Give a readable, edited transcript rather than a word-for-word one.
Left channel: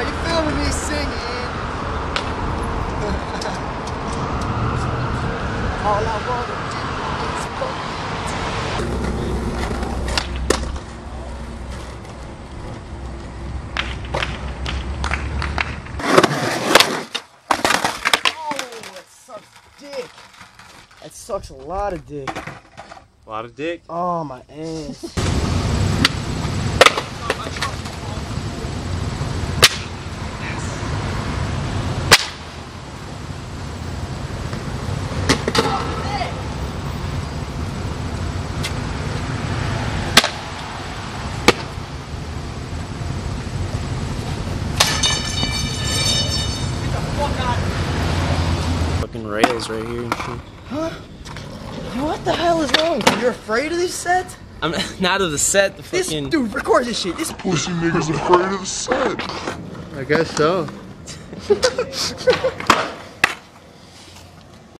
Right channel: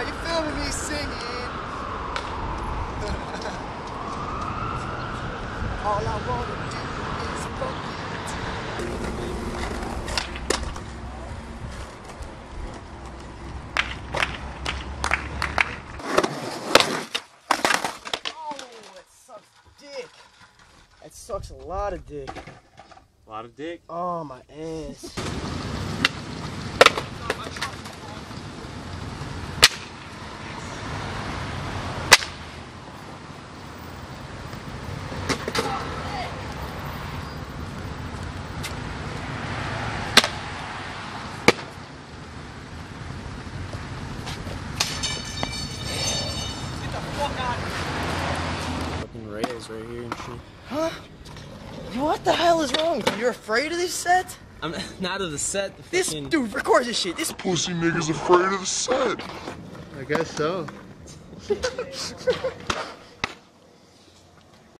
Are you filming me singing? All I wanna do is fuck you. Oh, that sucks dick. That sucks a lot of dick. A lot of dick? Oh, my ass. Fucking rails right here and shit. Huh? What the hell is wrong? You're afraid of this set? I'm not of the set, the This fucking... dude, record this shit. This Pussy nigga's afraid of the set. I guess so.